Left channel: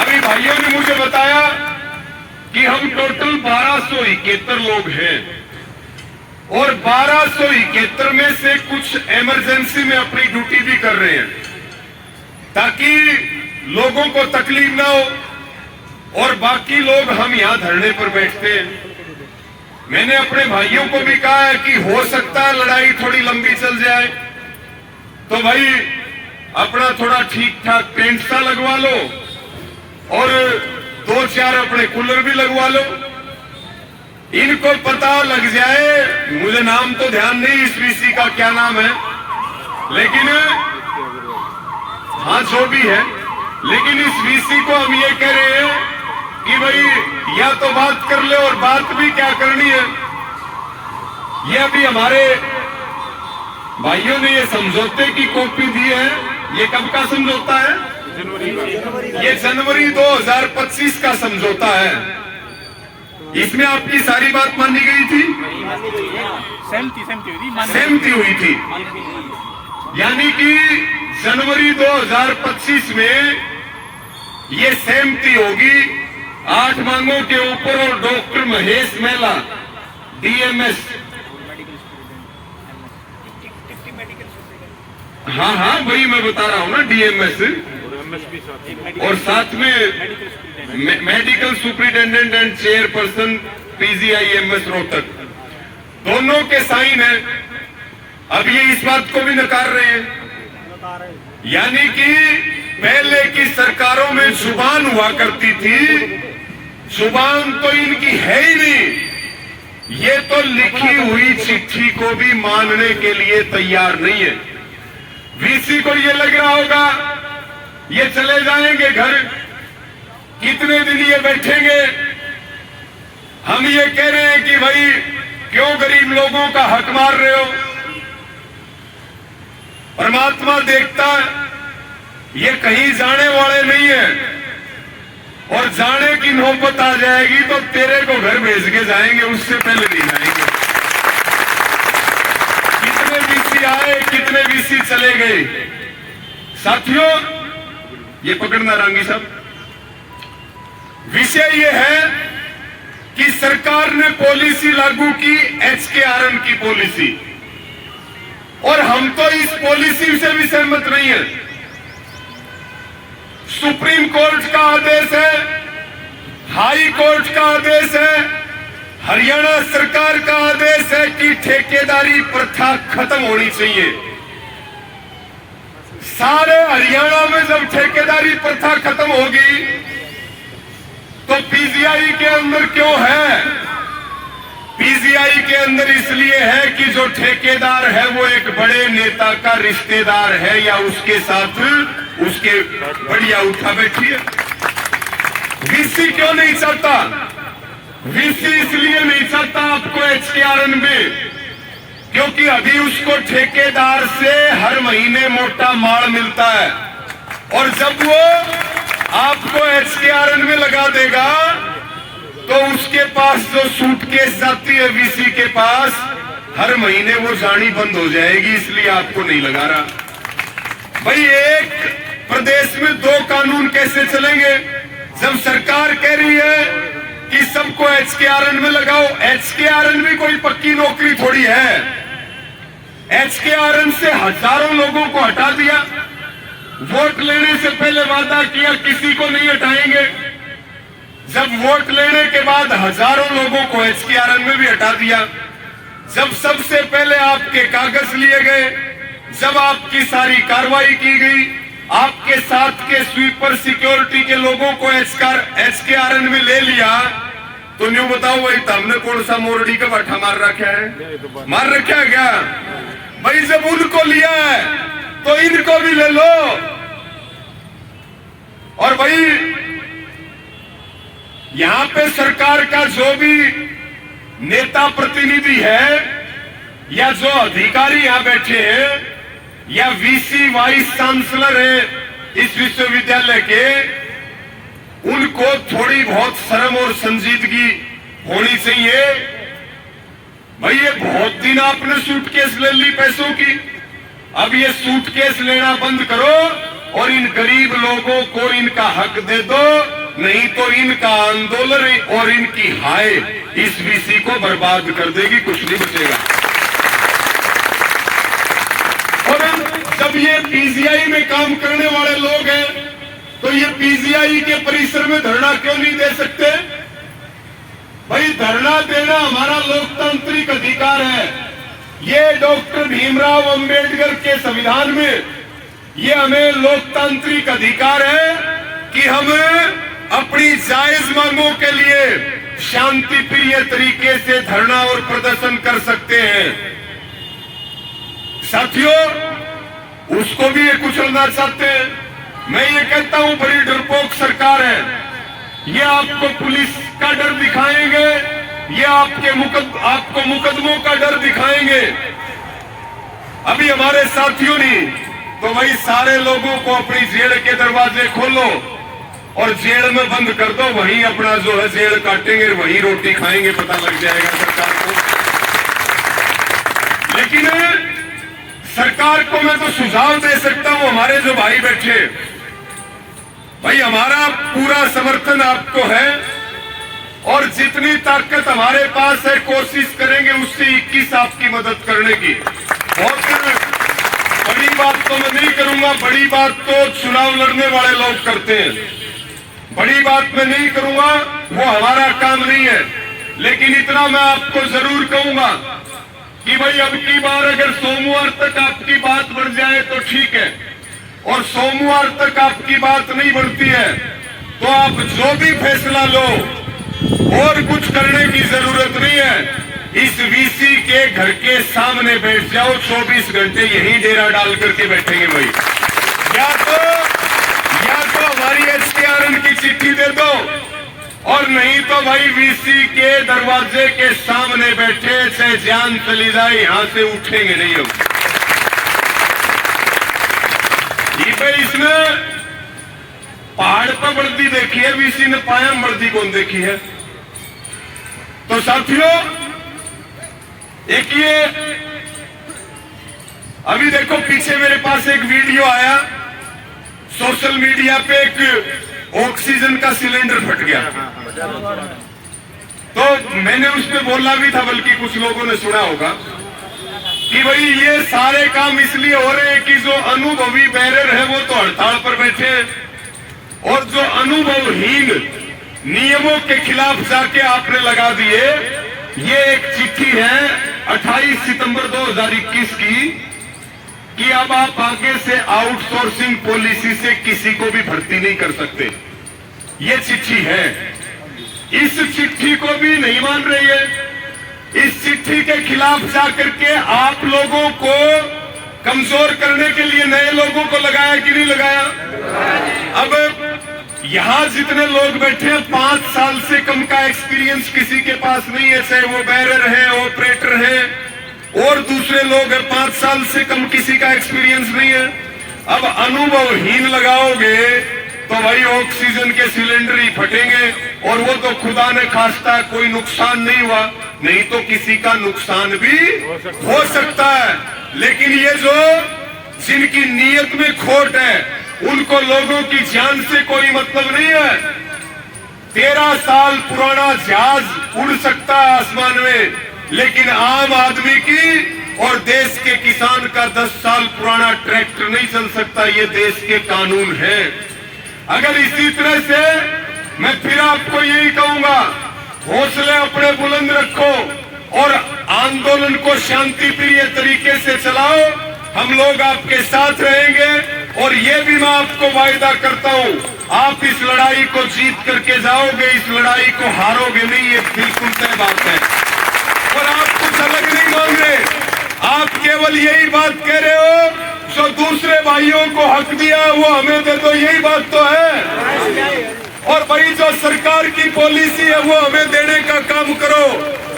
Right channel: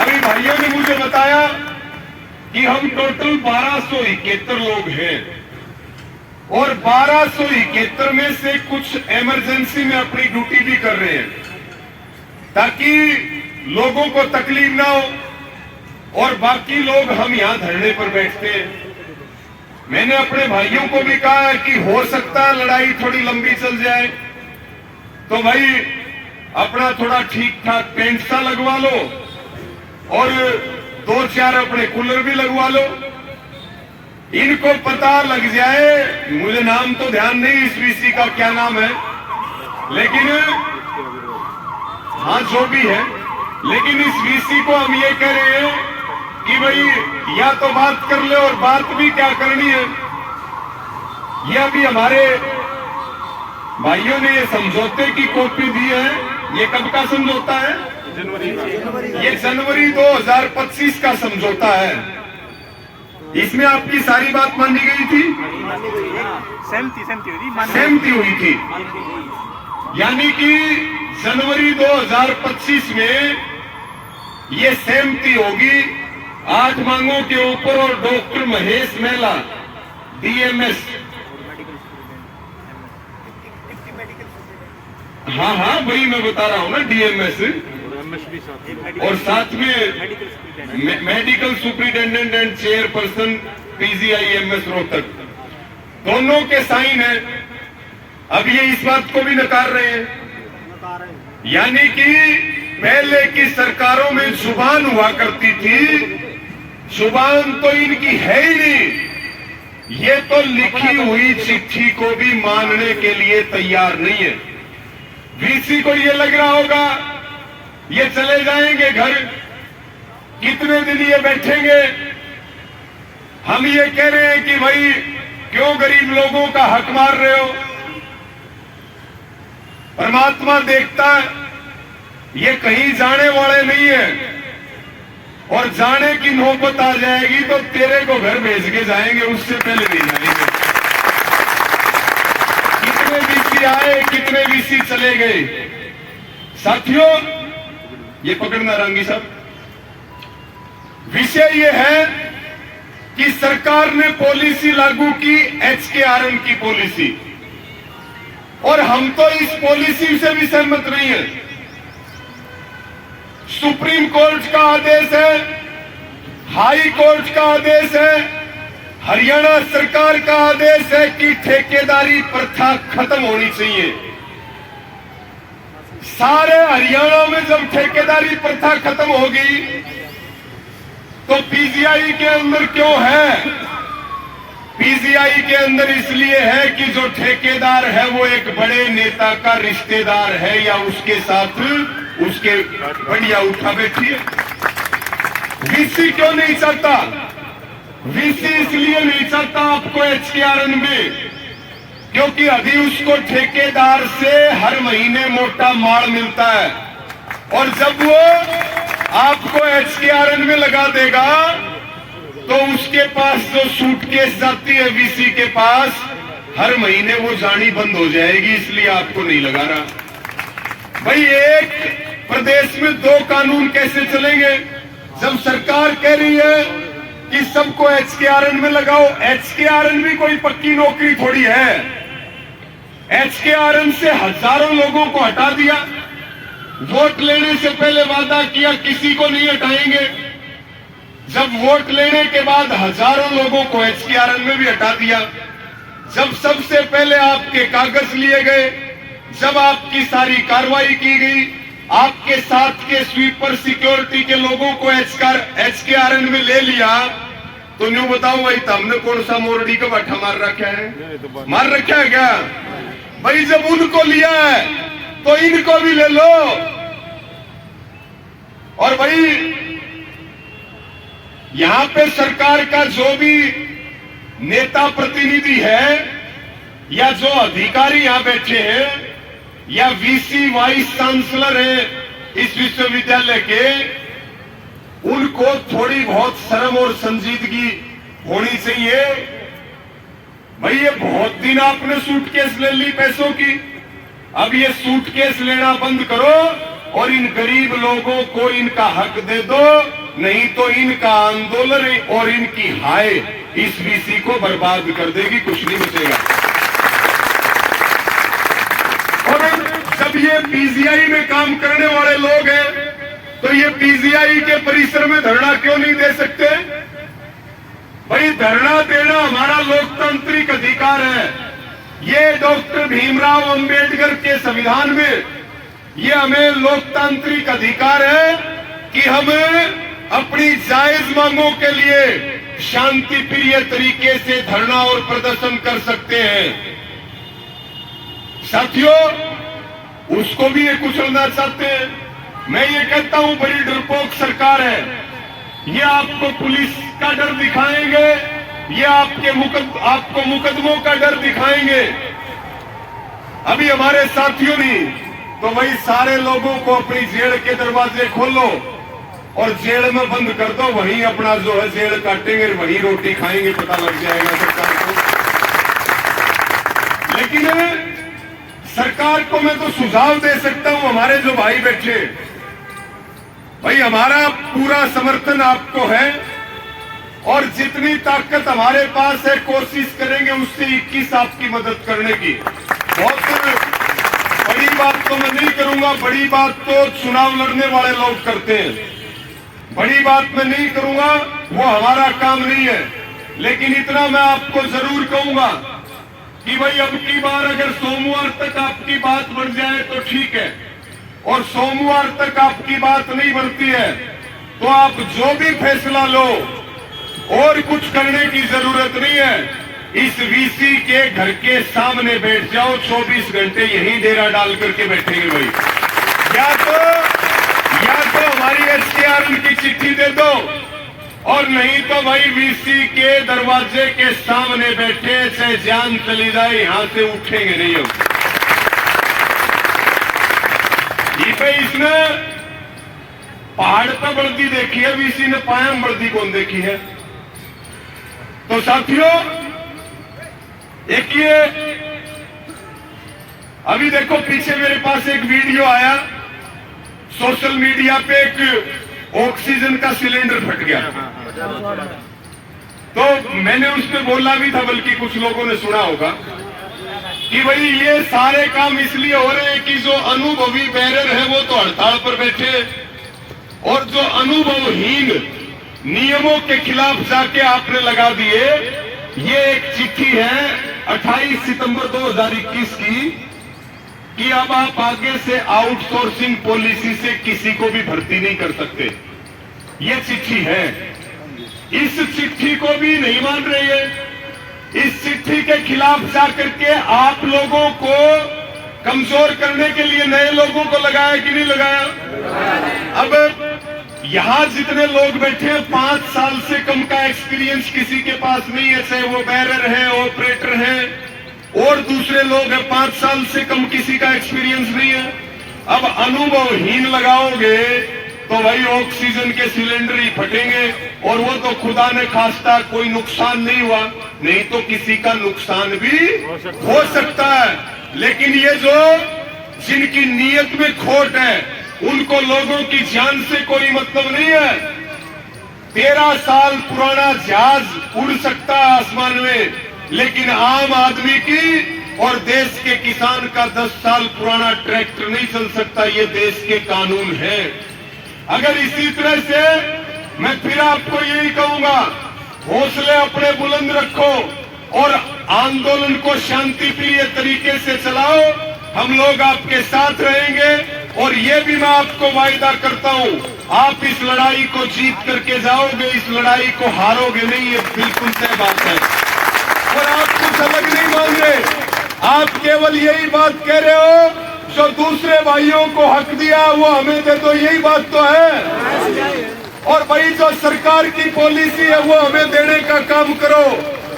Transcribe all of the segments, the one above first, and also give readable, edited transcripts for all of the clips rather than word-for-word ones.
अभी भाइयों ने मुझे बताया कि हम टोटल 1271 लोग हैं और 1271 में से कुछ इमरजेंसी में अपनी ड्यूटी भी कर रहे हैं ताकि लोगों को तकलीफ ना हो, और बाकी लोग हम यहां धरने पर बैठते हैं। मैंने अपने भाइयों को भी कहा है कि हो सकता है लड़ाई थोड़ी लंबी चल जाए, तो भाई अपना थोड़ा ठीक ठाक टेंट सा लगवा लो और 2-4 अपने कूलर भी लगवा लो। इनको पता लग जाए, मुझे नाम तो ध्यान नहीं इस वीसी का क्या नाम है, लेकिन हाँ जो भी है, लेकिन इस वीसी को हम ये कह रहे हैं कि भाई या तो बात कर ले, और बात भी क्या करनी है। ये अभी हमारे भाइयों ने ये समझौते की कॉपी दी है। ये कब का समझौता है? ये जनवरी 2025 का समझौता है। इसमें आपकी सारी बात मानी गई थी, सहमति हुई थी, यानी कि जनवरी 2025 में ये सहमति होगी 8 मांगों के ऊपर। और डॉक्टर महेश मेहला डीएमएस, हाँ वही मैं बता रहा हूं ना, डीएमएस, और साथ में medical superintendent and chairperson PGIMS Rohtak, दोनों के साइन है। अब ये इस बात को भी नकार रहे हैं, यानी कि पहले की सरकारों में जुबान हुआ करती थी, जुबान तो इनकी है ही नहीं। ये तो लिखी हुई चिट्ठी को भी मानने के लिए तैयार नहीं है। वीसी को ये लग रहा होगा ये चले जाएंगे घर, कितने दिन ये बैठेंगे। हम ये कह रहे हैं कि भाई क्यों गरीब लोगों का हक मार रहे हो? परमात्मा देखता है, ये कहीं जाने वाले नहीं है, और जाने की नौबत आ जाएगी तो तेरे को घर भेज के जाएंगे, उससे पहले नहीं जाएंगे। कितने वीसी आए, कितने वीसी चले गए। साथियों, ये पकड़ना रांगी साहब, विषय ये है कि सरकार ने पॉलिसी लागू की HKRN की पॉलिसी, और हम तो इस पॉलिसी से भी सहमत नहीं है। सुप्रीम कोर्ट का आदेश है, हाई कोर्ट का आदेश है, हरियाणा सरकार का आदेश है कि ठेकेदारी प्रथा खत्म होनी चाहिए। सारे हरियाणा में जब ठेकेदारी प्रथा खत्म होगी तो पीजीआई के अंदर क्यों है? पीजीआई के अंदर इसलिए है कि जो ठेकेदार है वो एक बड़े नेता का रिश्तेदार है या उसके साथ उसके बढ़िया उठा बैठी है। वीसी क्यों नहीं चाहता? वीसी इसलिए नहीं चाहता आपको HKRN में, क्योंकि अभी उसको ठेकेदार से हर महीने मोटा माल मिलता है, और जब वो आपको HKRN में लगा देगा तो उसके पास जो सूटकेस जाती है वीसी के पास, हर महीने वो जानी बंद हो जाएगी, इसलिए आपको नहीं लगा रहा। भाई एक प्रदेश में 2 कानून कैसे चलेंगे? जब सरकार कह रही है कि सबको HKRN में लगाओ, HKRN भी कोई पक्की नौकरी थोड़ी है। HKRN से हजारों लोगों को हटा दिया, वोट लेने से पहले वादा किया किसी को नहीं हटाएंगे, जब वोट लेने के बाद हजारों लोगों को HKRN में भी हटा दिया। जब सबसे पहले आपके कागज लिए गए, जब आपकी सारी कार्रवाई की गई, आपके साथ के स्वीपर सिक्योरिटी के लोगों को HKRN में ले लिया, तो न्यू बताओ भाई तुमने कौन सा मोरडी का बाठा मार रखा है? मार रखा है क्या? भाई जब उनको लिया है तो इनको भी ले लो। और भाई यहां पे सरकार का जो भी नेता प्रतिनिधि है या जो अधिकारी यहां बैठे हैं या वीसी वाइस चांसलर है इस विश्वविद्यालय के, उनको थोड़ी बहुत शर्म और संजीदगी होनी चाहिए। भाई ये बहुत दिन आपने सूटकेस ले ली पैसों की, अब ये सूटकेस लेना बंद करो और इन गरीब लोगों को इनका हक दे दो, नहीं तो इनका आंदोलन और इनकी हाय इस वीसी को बर्बाद कर देगी, कुछ नहीं बचेगा। और जब ये पीजीआई में काम करने वाले लोग हैं तो ये पीजीआई के परिसर में धरना क्यों नहीं दे सकते? भाई धरना देना हमारा लोकतांत्रिक अधिकार है। ये डॉक्टर भीमराव अंबेडकर के संविधान में ये हमें लोकतांत्रिक अधिकार है कि हम अपनी जायज मांगों के लिए शांति प्रिय तरीके से धरना और प्रदर्शन कर सकते हैं। साथियों, उसको भी ये कुचलना चाहते हैं। मैं ये कहता हूं बड़ी डरपोक सरकार है। ये आपको पुलिस का डर दिखाएंगे, ये आपको मुकदमों का डर दिखाएंगे। अभी हमारे साथियों ने तो वही सारे लोगों को अपनी जेल के दरवाजे खोलो और जेल में बंद कर दो, वहीं अपना जो है जेल काटेंगे, वहीं रोटी खाएंगे, पता लग जाएगा सरकार को। लेकिन सरकार को मैं तो सुझाव दे सकता हूं, हमारे जो भाई बैठे, भाई हमारा पूरा समर्थन आपको है और जितनी ताकत हमारे पास है कोशिश करेंगे उससे 21 आपकी मदद करने की। बहुत बड़ी बात तो मैं नहीं करूंगा, बड़ी बात तो चुनाव लड़ने वाले लोग करते हैं, बड़ी बात मैं नहीं करूंगा, वो हमारा काम नहीं है। लेकिन इतना मैं आपको जरूर कहूंगा कि भाई अब की बार अगर सोमवार तक आपकी बात बढ़ जाए तो ठीक है, और सोमवार तक आपकी बात नहीं बढ़ती है तो आप जो भी फैसला लो और कुछ करने की जरूरत नहीं है। इस वीसी के घर के सामने बैठ जाओ, 24 घंटे यही डेरा डाल करके बैठेंगे भाई। या तो हमारी एसकेआरएन की चिट्ठी दे दो, और नहीं तो भाई वीसी के दरवाजे के सामने बैठे, चाहे जान चली जाए, यहां से उठेंगे नहीं हम। ये पे इसने पहाड़ पर वर्दी देखी है, वीसी ने पाया वर्दी कौन देखी है? तो साथियों, एक ये अभी देखो पीछे मेरे पास एक वीडियो आया सोशल मीडिया पे, एक ऑक्सीजन का सिलेंडर फट गया। तो मैंने उस पर बोला भी था, बल्कि कुछ लोगों ने सुना होगा कि भाई ये सारे काम इसलिए हो रहे हैं कि जो अनुभवी बैरर है वो तो हड़ताल पर बैठे, और जो अनुभवहीन नियमों के खिलाफ जाके आपने लगा दिए। ये एक चिट्ठी है 28 सितंबर 2021 की कि अब आप आगे से आउटसोर्सिंग पॉलिसी से किसी को भी भर्ती नहीं कर सकते। ये चिट्ठी है, इस चिट्ठी को भी नहीं मान रही है। इस चिट्ठी के खिलाफ जाकर के आप लोगों को कमजोर करने के लिए नए लोगों को लगाया कि नहीं लगाया? अब यहां जितने लोग बैठे हैं 5 साल से कम का एक्सपीरियंस किसी के पास नहीं है, चाहे वो बैरर है, ऑपरेटर है, और दूसरे लोग हैं 5 साल से कम किसी का एक्सपीरियंस नहीं है। अब अनुभवहीन लगाओगे तो भाई ऑक्सीजन के सिलेंडर ही फटेंगे, और वो तो खुदा ने खास्ता कोई नुकसान नहीं हुआ, नहीं तो किसी का नुकसान भी हो सकता है। लेकिन ये जो जिनकी नीयत में खोट है उनको लोगों की जान से कोई मतलब नहीं है। 13 साल पुराना जहाज उड़ सकता है आसमान में, लेकिन आम आदमी की और देश के किसान का 10 साल पुराना ट्रैक्टर नहीं चल सकता। ये देश के कानून है। अगर इसी तरह से मैं फिर आपको यही कहूंगा, हौसले अपने बुलंद रखो और आंदोलन को शांति प्रिय तरीके से चलाओ। हम लोग आपके साथ रहेंगे, और ये भी मैं आपको वायदा करता हूं, आप इस लड़ाई को जीत करके जाओगे, इस लड़ाई को हारोगे नहीं, ये बिल्कुल तय बात है। और आप कुछ अलग नहीं मांग रहे, आप केवल यही बात कह रहे हो, जो दूसरे भाइयों को हक दिया वो हमें दे दो, यही बात तो है। और भाई जो सरकार की पॉलिसी है वो हमें देने का काम करो,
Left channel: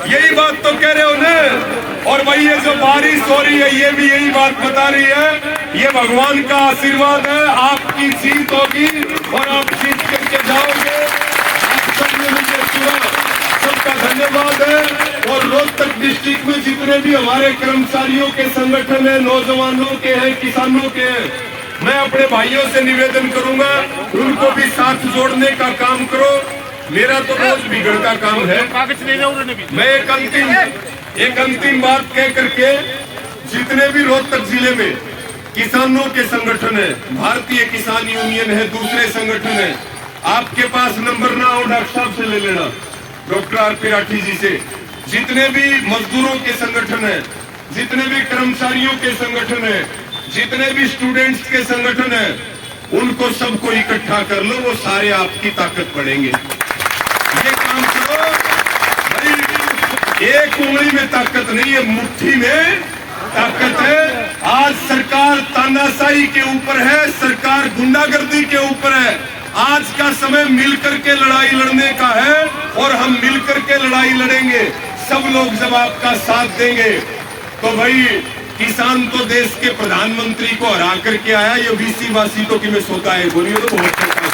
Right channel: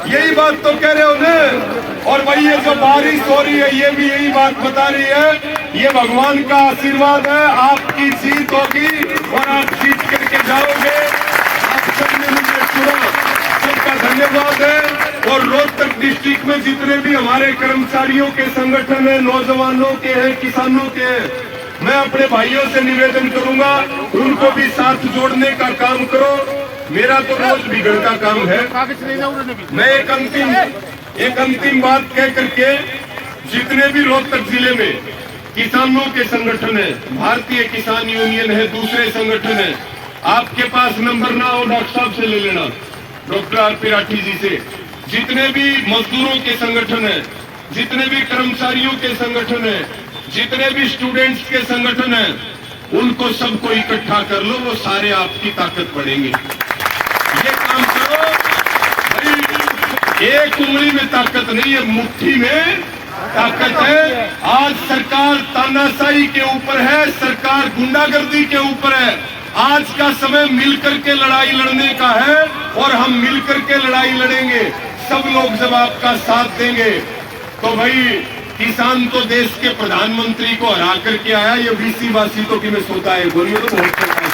यही बात तो कह रहे हो ना। और भाई ये जो बारिश हो रही है ये भी यही बात बता रही है, ये भगवान का आशीर्वाद है, आपकी जीत होगी और आप जीत करके जाओगे। आप सबने मुझे सुना, सबका धन्यवाद है। और रोहतक डिस्ट्रिक्ट में जितने भी हमारे कर्मचारियों के संगठन है, नौजवानों के हैं, किसानों के हैं, मैं मैं अपने भाइयों से निवेदन करूंगा, उनको भी साथ जोड़ने का काम करो। मेरा तो रोज बिगड़ का काम है। मैं एक अंतिम बात कह करके, जितने भी रोहतक जिले में किसानों के संगठन है, भारतीय किसान यूनियन है, दूसरे संगठन है, आपके पास नंबर ना हो डॉक्टर साहब से ले लेना, डॉक्टर आर.पी. राठी जी से। जितने भी मजदूरों के संगठन है, जितने भी कर्मचारियों के संगठन है, जितने भी स्टूडेंट्स के संगठन है, उनको सबको इकट्ठा कर लो, वो सारे आपकी ताकत बढ़ेंगे। ये काम करो भाई। एक उंगली में ताकत नहीं है, मुट्ठी में ताकत है। आज सरकार तानाशाही के ऊपर है, सरकार गुंडागर्दी के ऊपर है। आज का समय मिलकर के लड़ाई लड़ने का है और हम मिलकर के लड़ाई लड़ेंगे। सब लोग जब आपका साथ देंगे तो भाई किसान तो देश के प्रधानमंत्री को हरा करके आया, ये बीसी वासी तो कि मैं सोता है बोलिए तो बहुत होता है।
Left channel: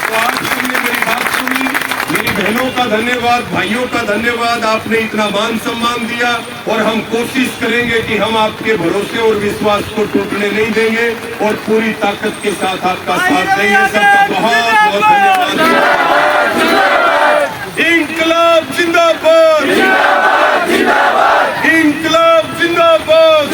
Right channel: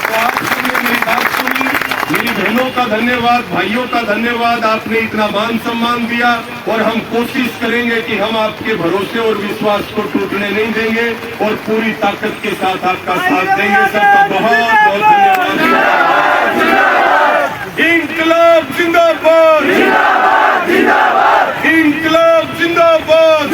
तो आप सबने मेरी बात सुनी, मेरी बहनों का धन्यवाद, भाइयों का धन्यवाद, आपने इतना मान सम्मान दिया और हम कोशिश करेंगे कि हम आपके भरोसे और विश्वास को टूटने नहीं देंगे और पूरी ताकत के साथ आपका साथ देंगे। सबका बहुत बहुत धन्यवाद। इंकलाब जिंदाबाद, इंकलाब जिंदाबाद।